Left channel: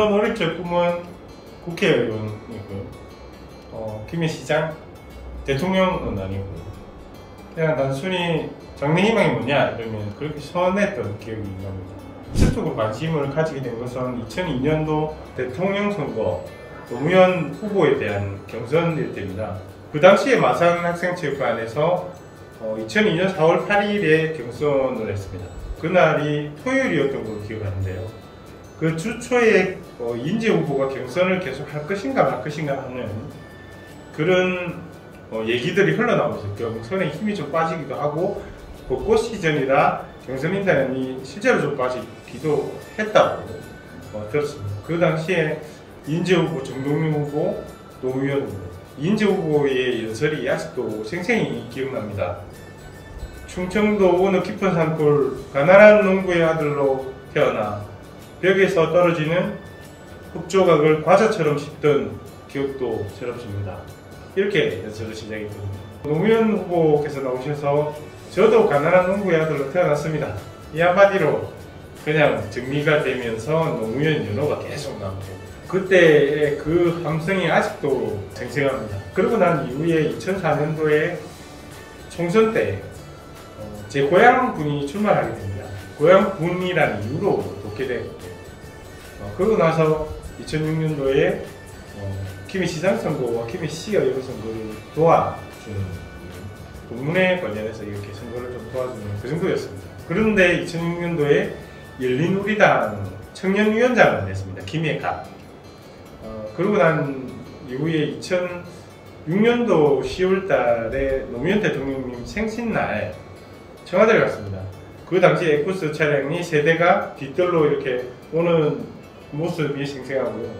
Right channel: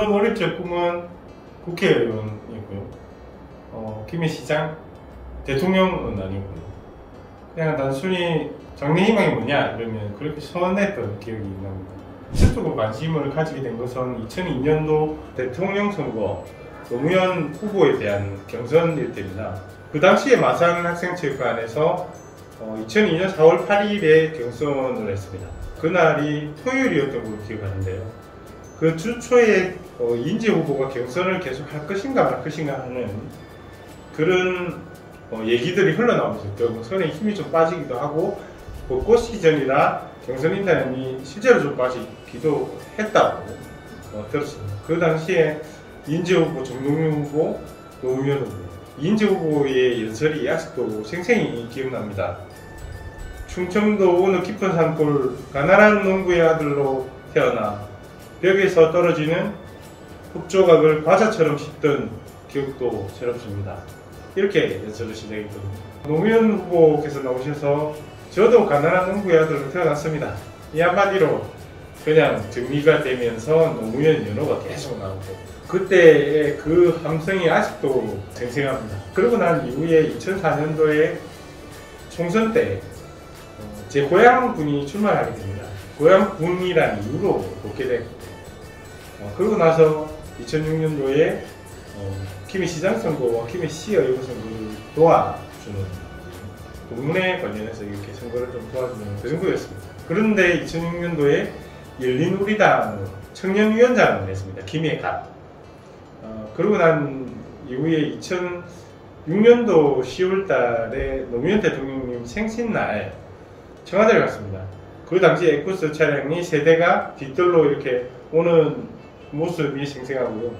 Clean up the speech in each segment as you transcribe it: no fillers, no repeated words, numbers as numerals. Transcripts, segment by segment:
물론 어릴 적 꿈은 국회의원이고요. 김해 시장, 대통령은 아니고요. 그냥 단순히 장래 희망이 뭐냐 이러면 그렇게 선했던 기억이 납니다. 직접적으로 관심을 가지게 된 것은 2002년도 대통령 선거 노무현 후보에 대한 경선일 때입니다. 그 당시에 마산 학생체육관에서 2002년 4월 8일에 경선을 했습니다. 그날이 토요일이었던 걸로 기억하는데요. 그 주 초에 이인재 후보가 경선을 계속 할 것인가 말 것인가 하는 그런 얘기들이 흘러나오면서 결국 선에 힘이 좀 빠지기도 하고 벚꽃 시즌이라 경선 인단이 실제로 좀 빠지기도 했다고 들었습니다. 그 당시에 이인재 후보, 정동영 후보, 노무현 후보, 이인재 후보의 연설이 아직도 생생히 기억납니다. 충청도 어느 깊은 산골 가난한 농부의 아들로 태어나 벽에서 떨어지는 흙조각을 과자처럼 씹던 기억도 새롭습니다. 이렇게 연설을 시작했거든요. 노무현 후보께서 나오셔서 저도 가난한 농부의 아들로 태어났습니다. 이 한마디로 그냥 정리가 되면서 노무현 연호가 계속 나오고 그때의 그 함성이 아직도 생생합니다. 그러고 난 이후에 2004년도에 총선 때 제 고향군이 출마하게 됩니다. 고향군이라는 이유로 돕게 됐고 그러고 나서 2006년도에 김해 시장 선거와 김해 시의원 선거를 도와주는 동문회 관련해서 이렇게 선거를 좀 도와주는 그 정도였습니다. 그런데 2006년도에 열린우리당 청년위원장을 냈습니다. 김해갑. 그러고 난 이후에 2006년도 10월 달에 노무현 대통령님 생신날 청와대를 갔습니다. 그 당시 에쿠스 차량이 세대가 뒤뜰로 이렇게 오는 모습이 생생하고요.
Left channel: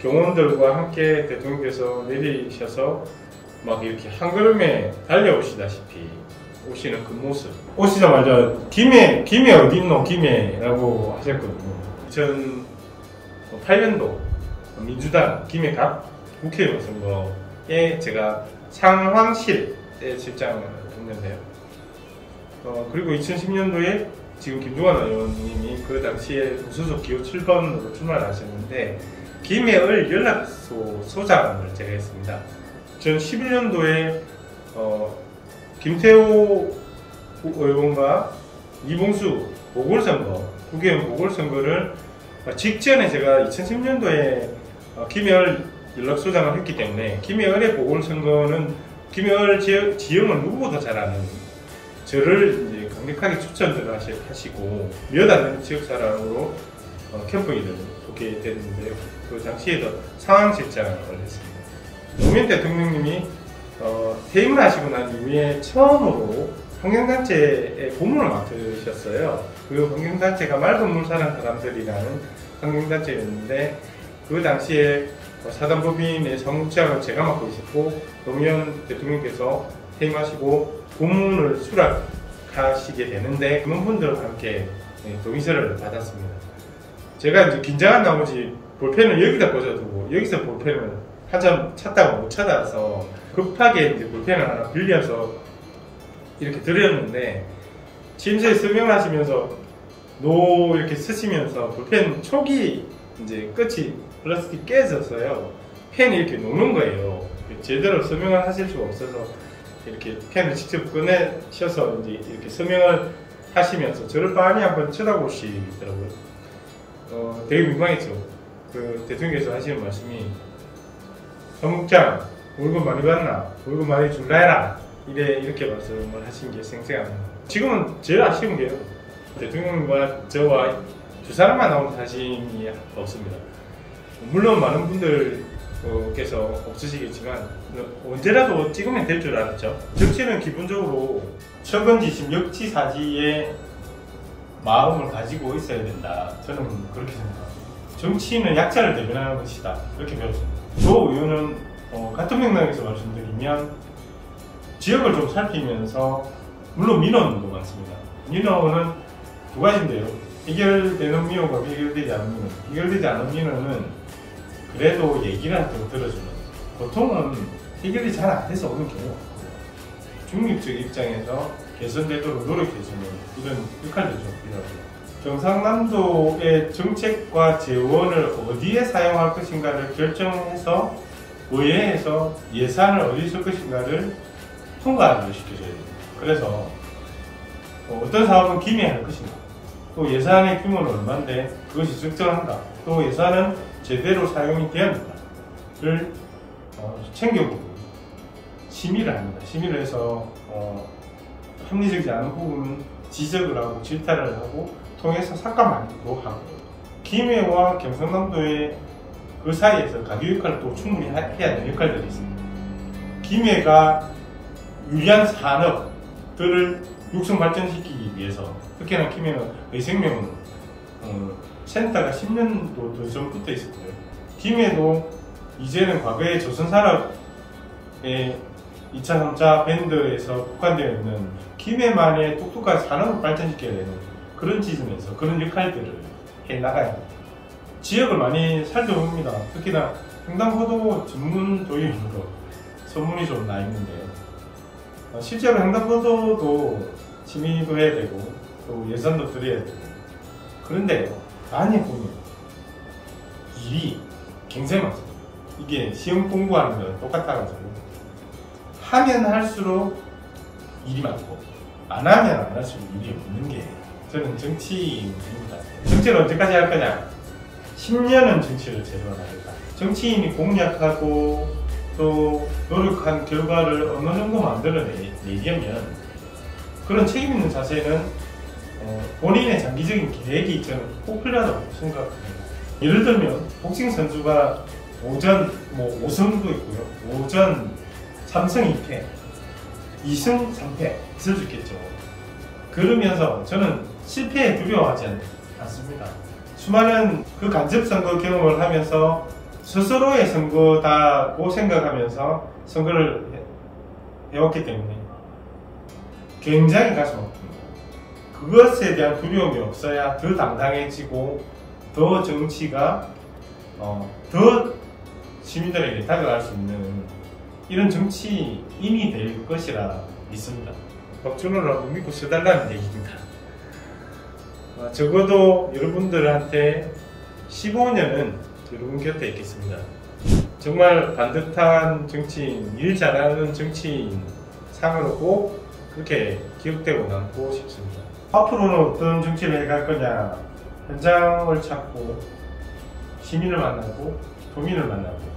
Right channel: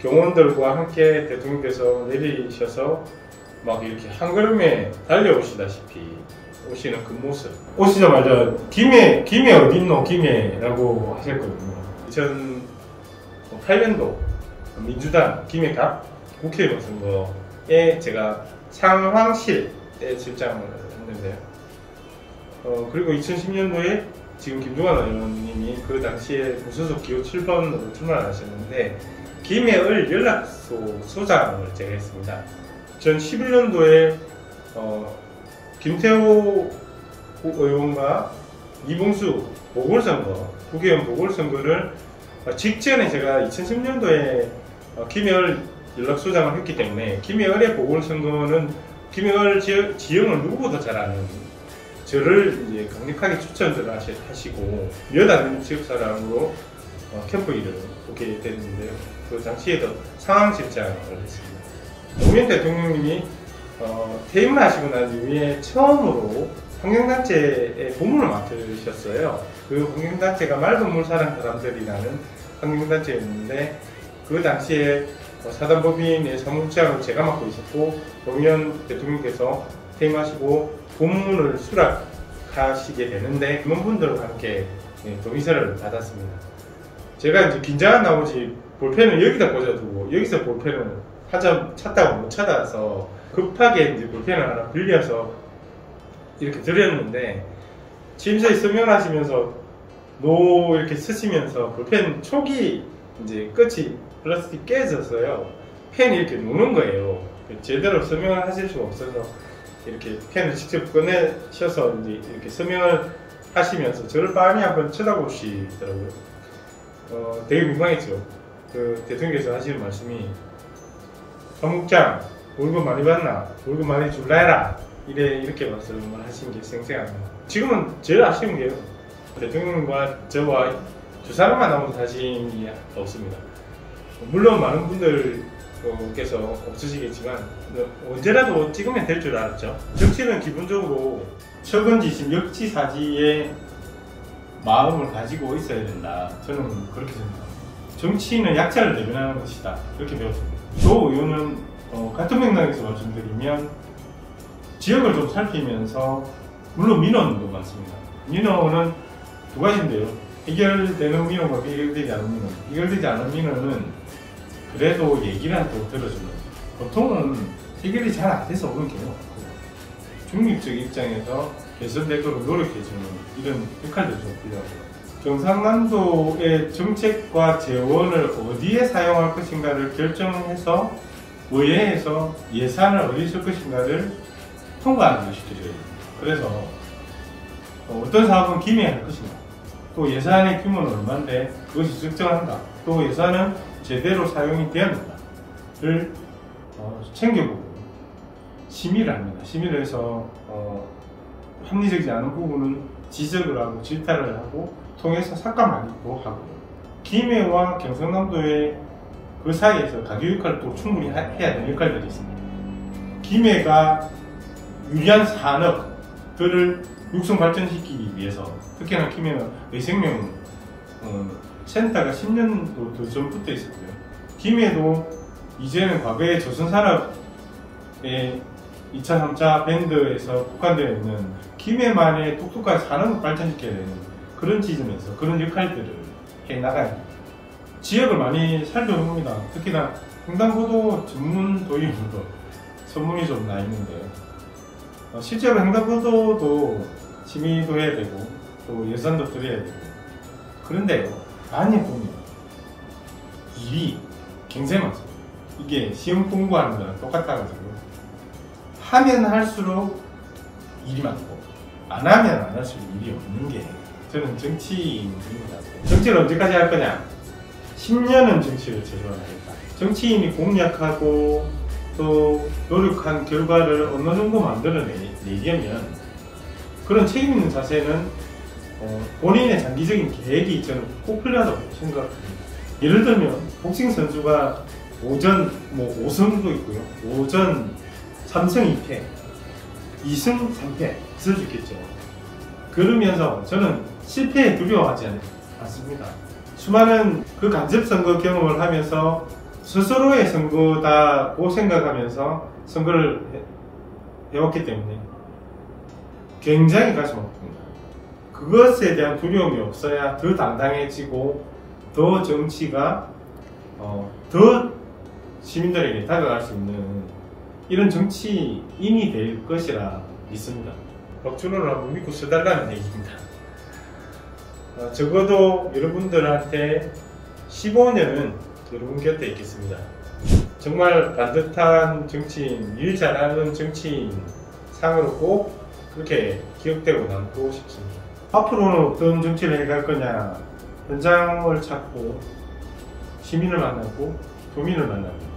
경호원들과 함께 대통령께서 내리셔서 막 이렇게 한 걸음에 달려오시다시피 오시는 그 모습. 오시자마자 김해 어딨노 김해라고 하셨거든요. 2008년도 민주당 김해갑 국회의원 선거에 제가 상황실에 출장을 했는데요. 그리고 2010년도에 지금 김종환 의원님이 그 당시에 무소속 기호 7번으로 출마를 하셨는데 김해을 연락소 소장을 제가 했습니다. 2011년도에 김태호 의원과 이봉수 보궐선거, 국회의원 보궐선거를 직전에 제가 2010년도에 김해을 연락소장을 했기 때문에 김해을의 보궐선거는 김해을 지형을 누구보다 잘 아는 저를 이제 강력하게 추천을 하시고 몇 안 되는 지역 사람으로 캠프기를 오게 됐는데요. 그 당시에도 상황실장을 했습니다. 노무현 대통령님이 퇴임을 하시고 난 이후에 처음으로 환경단체의 고문을 맡으셨어요. 그 환경단체가 맑은 사랑 사람들이라는 환경단체였는데 그 당시에 사단법인의 사무국장을 제가 맡고 있었고 노무현 대통령께서 퇴임하시고 고문을 수락하시게 되는데 그런 분들과 함께 동의서를 받았습니다. 제가 이제 긴장한 나머지 볼펜을 여기다 꽂아두고 여기서 볼펜을 한참 찾다가 못 찾아서 급하게 이제 볼펜을 하나 빌려서 이렇게 드렸는데 취임서에 서명을 하시면서 노 이렇게 쓰시면서 볼펜 촉이 이제 끝이 플라스틱 깨져서요. 펜이 이렇게 노는 거예요. 제대로 서명을 하실 수가 없어서 이렇게 펜을 직접 꺼내셔서 이제 이렇게 서명을 하시면서 저를 빤히 한번 쳐다보시더라고요. 되게 민망했죠. 그 대통령께서 하시는 말씀이 사무국장 월급 많이 받나? 월급 많이 줄라 해라. 이렇게 말씀을 하신 게 생생합니다. 지금은 제일 아쉬운 게요. 대통령과 저와 두 사람만 나온 사진이 없습니다. 물론 많은 분들께서 없으시겠지만 언제라도 찍으면 될 줄 알았죠. 정치는 기본적으로 석은지심 역지사지의 마음을 가지고 있어야 된다. 저는 그렇게 생각합니다. 정치는 약자를 대변하는 것이다. 이렇게 배웠습니다. 조 의원은 같은 맥락에서 말씀드리면 지역을 좀 살피면서 물론 민원도 많습니다. 민원은 두 가지인데요. 해결되는 민원과 해결되지 않은 민원. 해결되지 않은 민원은 그래도 얘기를 할 때 들어주는 보통은 해결이 잘 안 돼서 오는 경우가 많고 중립적 입장에서 개선되도록 노력해주는 이런 역할도 좀 필요하고요. 경상남도의 정책과 재원을 어디에 사용할 것인가를 결정해서 의회에서 예산을 어디 쓸 것인가를 통과하게 시켜줘야 됩니다. 그래서 어떤 사업은 기매할 것인가, 또 예산의 규모는 얼마인데 그것이 적정한가, 또 예산은 제대로 사용이 되었는가를 챙겨보고 심의를 합니다. 심의를 해서 합리적이지 않은 부분은 지적을 하고 질타를 하고 통해서 삭감하기도 하고, 기매와 경상남도의 그 사이에서 가교 역할을 또 충분히 해야 되는 역할들이 있습니다. 기매가 유리한 산업들을 육성 발전시키기 위해서, 특히나 기매는 의생명 센터가 10년도 더 전부터 있었고요. 기매도 이제는 과거에 조선산업의 2차, 3차 밴드에서 국한되어 있는 기매만의 똑똑한 산업을 발전시켜야 되는 그런 지점에서 그런 역할들을 해나가야 합니다. 지역을 많이 살펴봅니다. 특히나 횡단보도 전문 도입으로 소문이 좀 나 있는데요. 실제로 횡단보도도 심의도 해야 되고 또 예산도 들여야 되고, 그런데요, 많이 보면 일이 굉장히 많습니다. 이게 시험 공부하는 거랑 똑같아가지고 하면 할수록 일이 많고 안 하면 안 할수록 일이 없는 게 저는 정치인입니다. 정치를 언제까지 할 거냐? 10년은 정치를 제대로 하겠다. 정치인이 공약하고 또 노력한 결과를 어느 정도 만들어내려면 그런 책임 있는 자세는 본인의 장기적인 계획이 저는 꼭 필요하다고 생각합니다. 예를 들면 복싱 선수가 오전 5승도 있고요. 오전 3승 2패, 2승 3패 있을 수 있겠죠. 그러면서 저는 실패에 두려워하지 않습니다. 수많은 그 간접선거 경험을 하면서 스스로의 선거다고 생각하면서 선거를 해왔기 때문에 굉장히 가슴 아픕니다. 그것에 대한 두려움이 없어야 더 당당해지고 더 정치가 더 시민들에게 다가갈 수 있는 이런 정치인이 될 것이라 믿습니다. 박준호를 한번 믿고 써달라는 얘기입니다. 적어도 여러분들한테 15년은 여러분 곁에 있겠습니다. 정말 반듯한 정치인, 일 잘하는 정치인 상으로 꼭 그렇게 기억되고 남고 싶습니다. 앞으로는 어떤 정치를 해갈 거냐, 현장을 찾고 시민을 만나고 도민을 만나고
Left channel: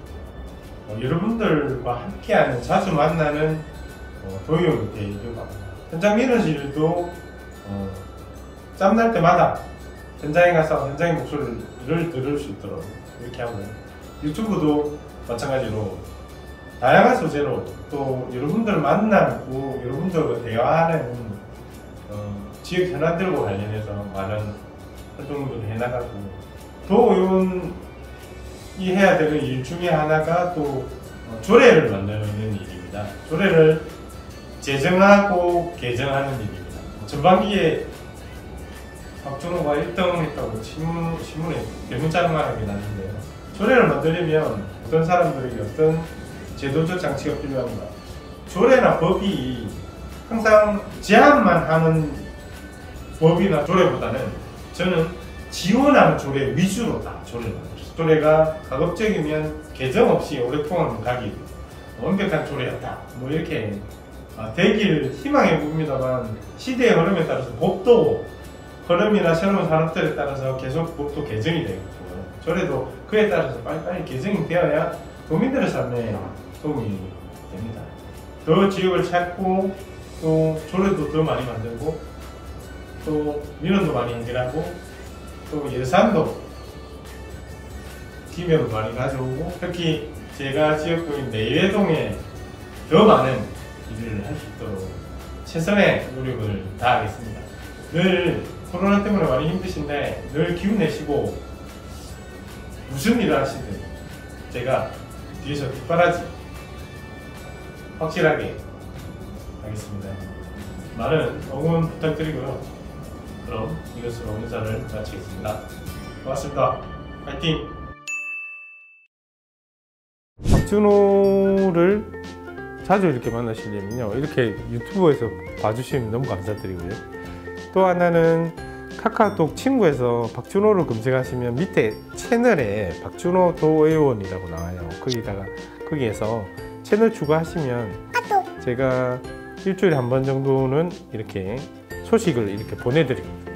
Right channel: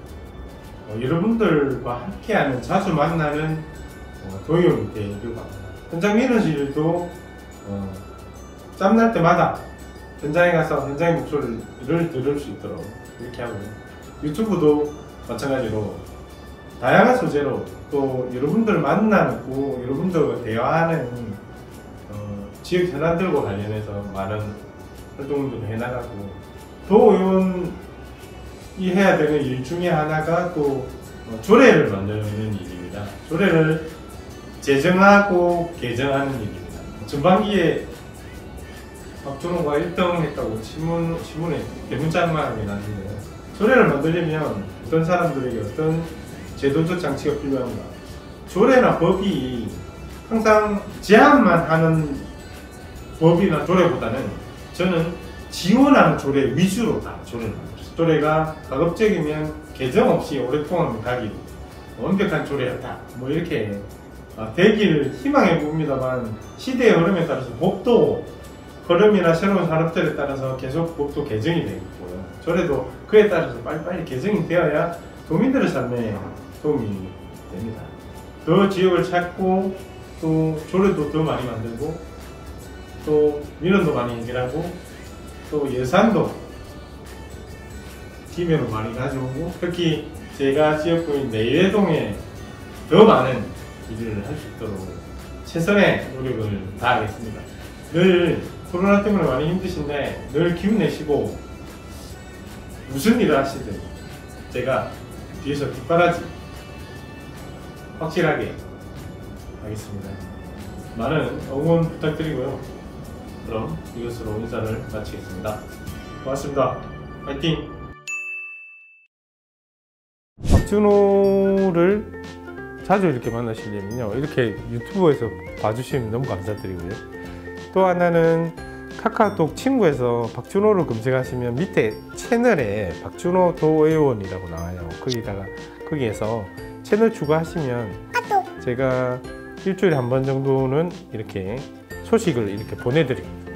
여러분들과 함께하는, 자주 만나는 도의원이 되려고 합니다. 현장 민원실도 짬날 때마다 현장에 가서 현장의 목소리를 들을 수 있도록 이렇게 하고, 유튜브도 마찬가지로 다양한 소재로 또 여러분들을 만나고 여러분들과 대화하는 지역 현안들과 관련해서 많은 활동들을 해나가고, 도의원이 해야 되는 일 중에 하나가 또 조례를 만드는 일입니다. 조례를 제정하고 개정하는 일입니다. 전반기에 박준호가 1등 했다고 신문에 대문짝만하게 났는데요. 조례를 만들려면 어떤 사람들에게 어떤 제도적 장치가 필요한가? 조례나 법이 항상 제한만 하는 법이나 조례보다는 저는 지원하는 조례 위주로 다 조례를 만들었어요. 조례가 가급적이면 개정 없이 오랫동안 가길, 완벽한 조례였다, 이렇게 되길 희망해 봅니다만, 시대의 흐름에 따라서 법도 흐름이나 새로운 산업들에 따라서 계속 법도 개정이 되고 있고요. 조례도 그에 따라서 빨리빨리 개정이 되어야 도민들의 삶에 도움이 됩니다. 더 지역을 찾고 또 조례도 더 많이 만들고 또 민원도 많이 해결하고 또 예산도 기매로 많이 가져오고, 특히 제가 지역구인 내외동에 더 많은 일을 할 수 있도록 최선의 노력을 다하겠습니다. 늘 코로나 때문에 많이 힘드신데 늘 기운 내시고 무슨 일을 하시든 제가 뒤에서 뒷바라지 확실하게 하겠습니다. 많은 응원 부탁드리고요. 그럼 이것으로 인사를 마치겠습니다. 고맙습니다. 파이팅! 박준호를 자주 이렇게 만나시려면요, 이렇게 유튜브에서 봐주시면 너무 감사드리고요. 또 하나는 카카오톡 친구에서 박준호를 검색하시면 밑에 채널에 박준호 도의원이라고 나와요. 거기에서 채널 추가하시면 제가 일주일에 한 번 정도는 이렇게 소식을 이렇게 보내드립니다.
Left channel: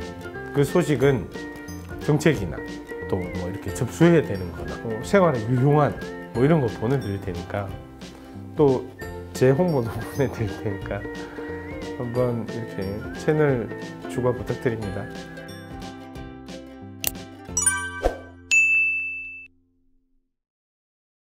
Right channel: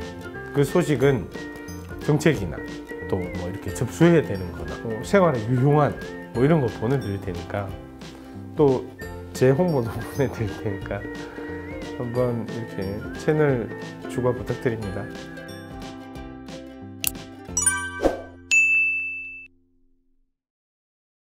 그 소식은 정책이나 또 뭐 이렇게 접수해야 되는 거나 생활에 유용한 뭐 이런 거 보내드릴 테니까, 또 제 홍보도 보내드릴 테니까 한번 이렇게 채널 추가 부탁드립니다.